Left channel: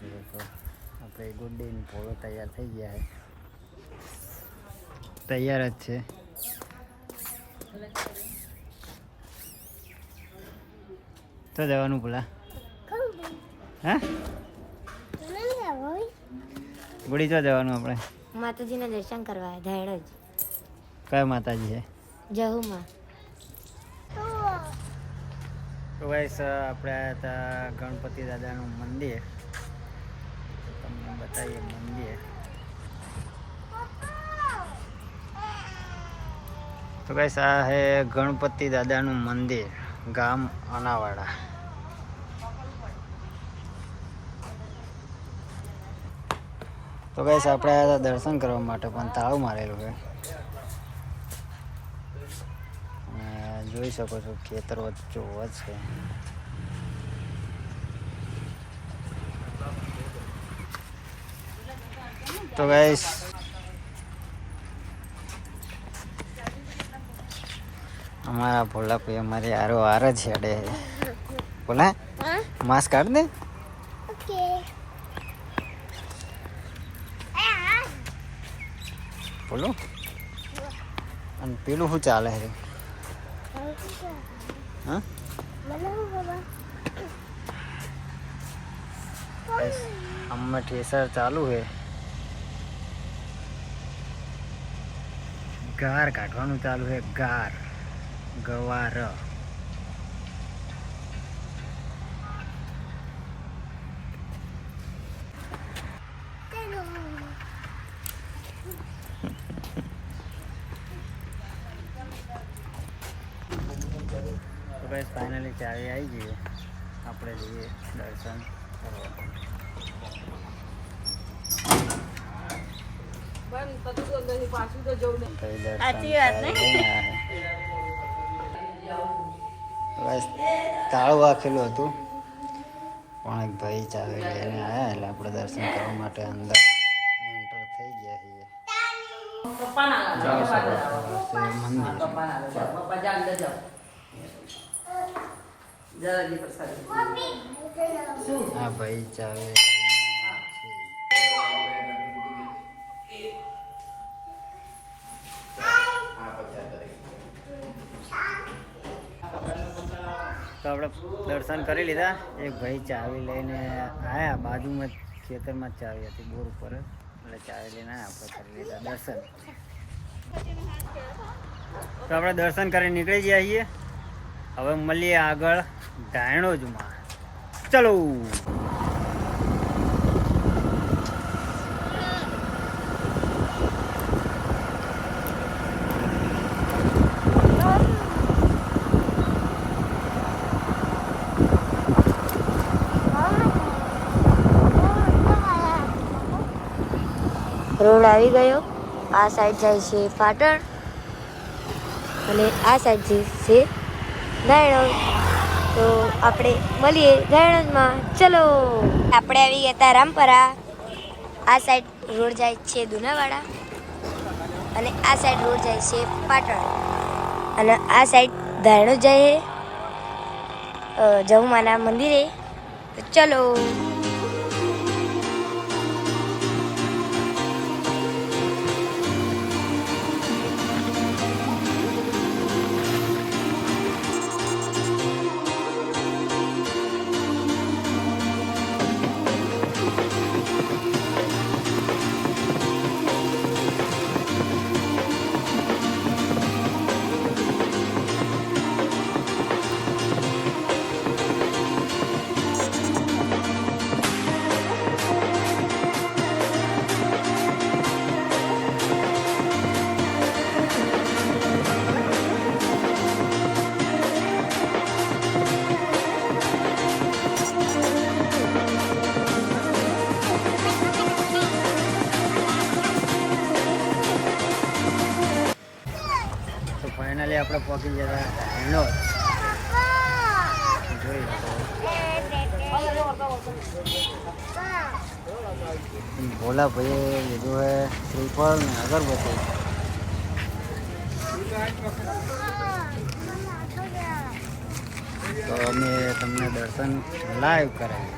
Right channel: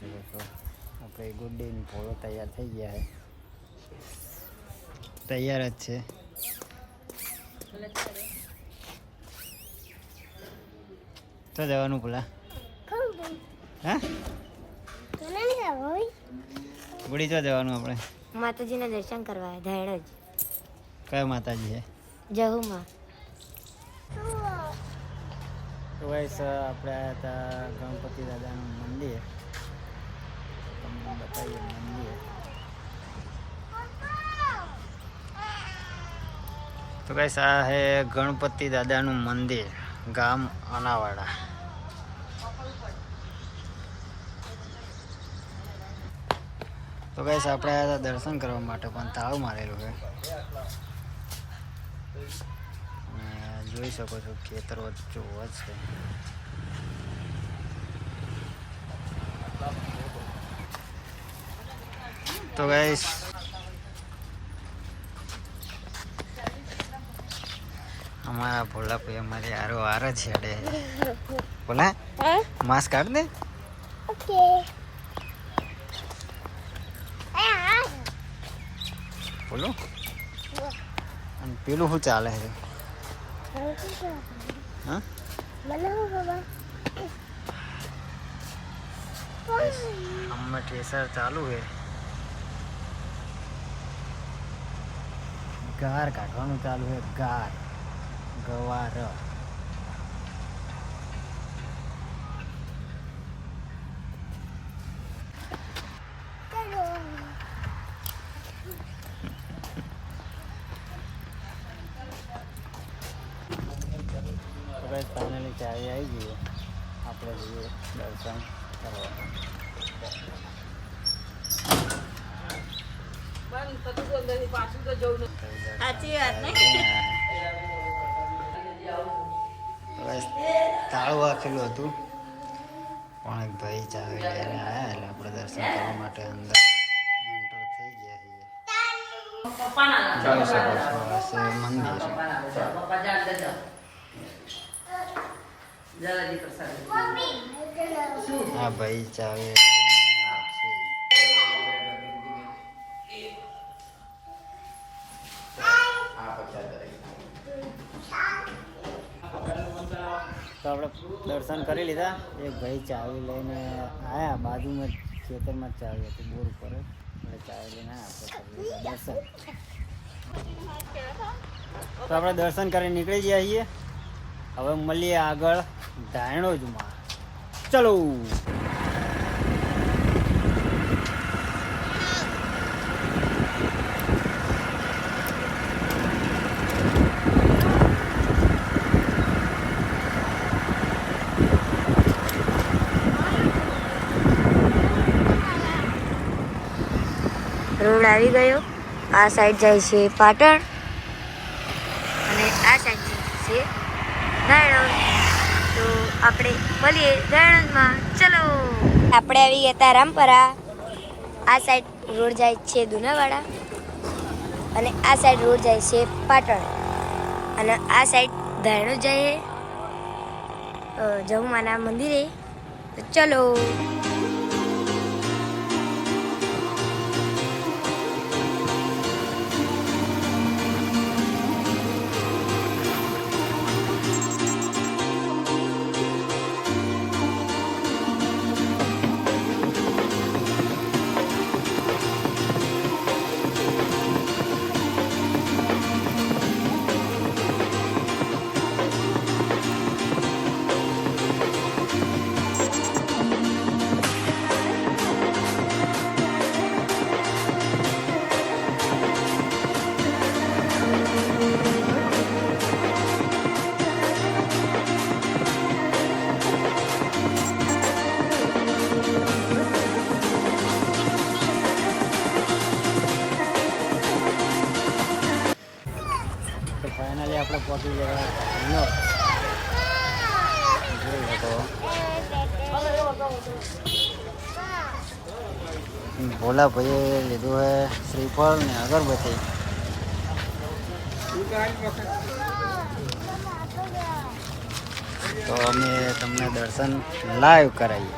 જોઈ શકો છો આપણે ગુડ ડેની ભોળો તૈયાર થઈ ગયા છે. તૈયાર જ છે. તો જવાનું ભૂલા. હા? ગુડી તો જવાનું આપણે. માતાજીના દર્શન કરવા ધાયડ કયા માતાજી છે? જહુમાં. તો ગાઈસ આપણે આવ્યા હતા ગણપતિ દાદાનું મંદિર. તમને બતાવીએ મંદિર. તો કઈ આ હે ગણપતિ દાદાનું મંદિર, ગામ અનાવાડા. તો કઈ આપણે દર્શન કરવા માટે પણ તાળું મારેલું છે. જોઈ શકો છો ખેતર વચ્ચો છે. તો ગાઈસ અમારા ભોલા ભાઈ અમારી આરો આર જ છેડે બોલા માસ્ક કાઢ દે ઓકે બોલો અને પેલું શું ચાલે છે હા ગાઈસ, હમણાં ઠેસર ચાલુ છે ગાર કાઢવાનું ચાલુ છે. ગાર. ગવાર. તો ગાઈસ ફાઇનલી ચાવી આવી ગઈ આપણે જઈએ દર્શન કરવા. તાળું વાગેલું હતું પણ એક ભાઈ ચાલે લઈને આવ્યા એટલે આપણે દર્શન કરવા માટે અંદર એન્ટર થઈ ગયા છીએ જોઈ શકો છો આ છે મંદિર હા ભાઈ ચાવી તો આપણે દર્શન કરી લીધા. એક ભાઈ ચાવી લઈને આવ્યા બાજુમાં જ ખેતરમાં જ ચાવી હતી, બોર ઉપર જ. એટલે ચાવી લઈને આપણે કરી લીધા દર્શન. તો આપણે દર્શન કરી નીકળી ગયા છીએ. હવે મળીએ આગળ ડાયણોજમાં ચલો! રોડ આવી ગયો. આ સાઈડ જાય છે પાટણ અને આ સાઈડ જાય છે ધારણ તો આપણે મળીએ ધાયણમાં ચલો. આપણે આવી ગયા હતા રામપરા. આ સાઈડ રોડ જાય છે દુનાવાડા અને આ સાઈડ રોડ જાય છે પાટણ. અને આ સાઈડ ધાયણો જઈએ જવુમાના મંદિરે. ચલો. આપણે પહોંચી ગયા ધાણો જોઈ શકો. ભોલા ભાઈએ લીધું છે શ્રીફળ ને અગરબત્તી. તો અમે તમને દર્શન લાઈવ કરાવીએ.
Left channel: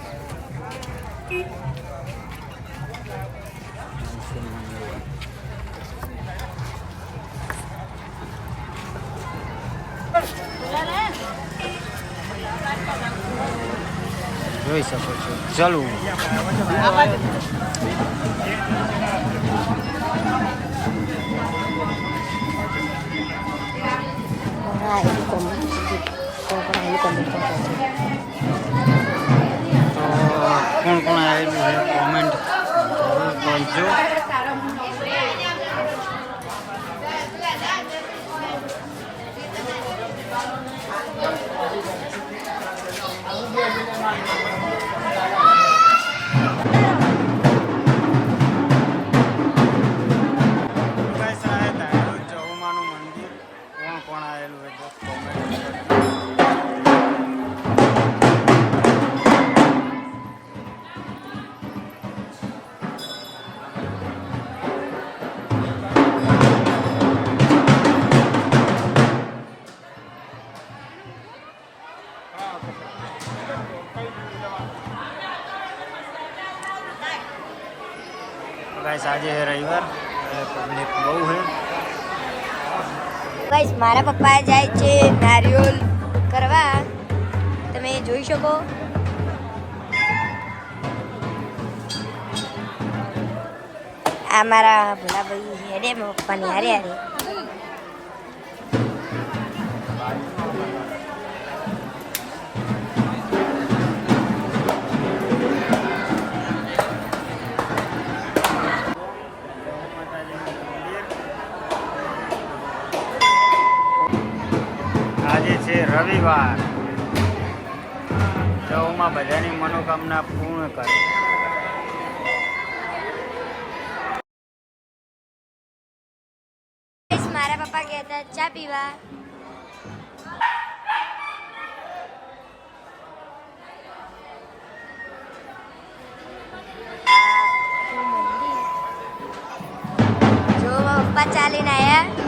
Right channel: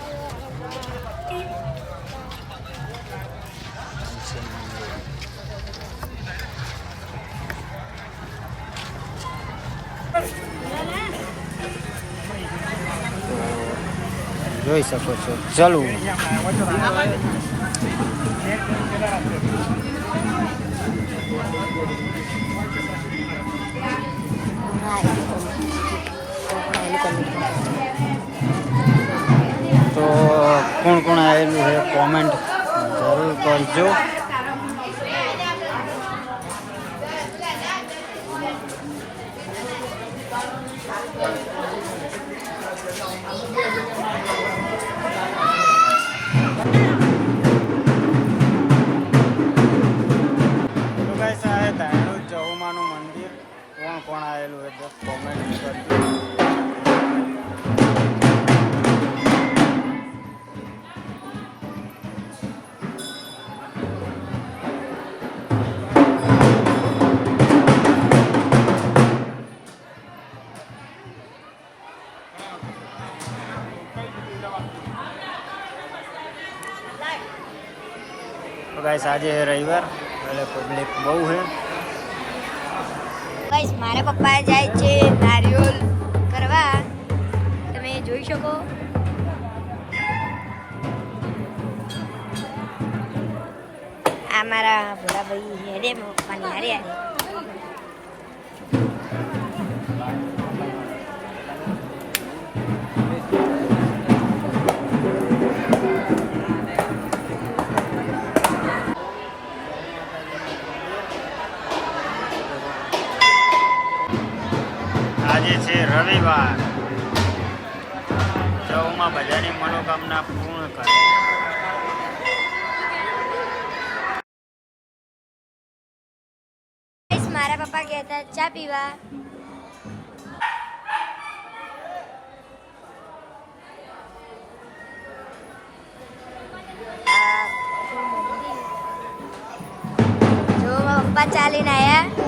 જોઈ શકો છો. ચલવું તો કોણ કોણ આવેલું છે? કોમેન્ટ જરૂર કરજો. તો મંદિર કોણ કોણ આવેલું છે? કોમેન્ટ કરજો. ગાઈસ આજે રવિવાર. એટલે પબ્લિક બહુ છે. ગાઈસ, મારા પપ્પા જાય છે નારિયોલ કરવા. તમે જોઈ શકો. આ મારા ભોલાભાઈ હેડે મારા પપ્પાની હારે હારે. આજે છે રવિવાર. જવમાં બધાની મનોકામના પૂર્ણ કરે. મારા પપ્પા ગયા હતા ચા પીવા. જો પપ્પા ચાલીને આયા.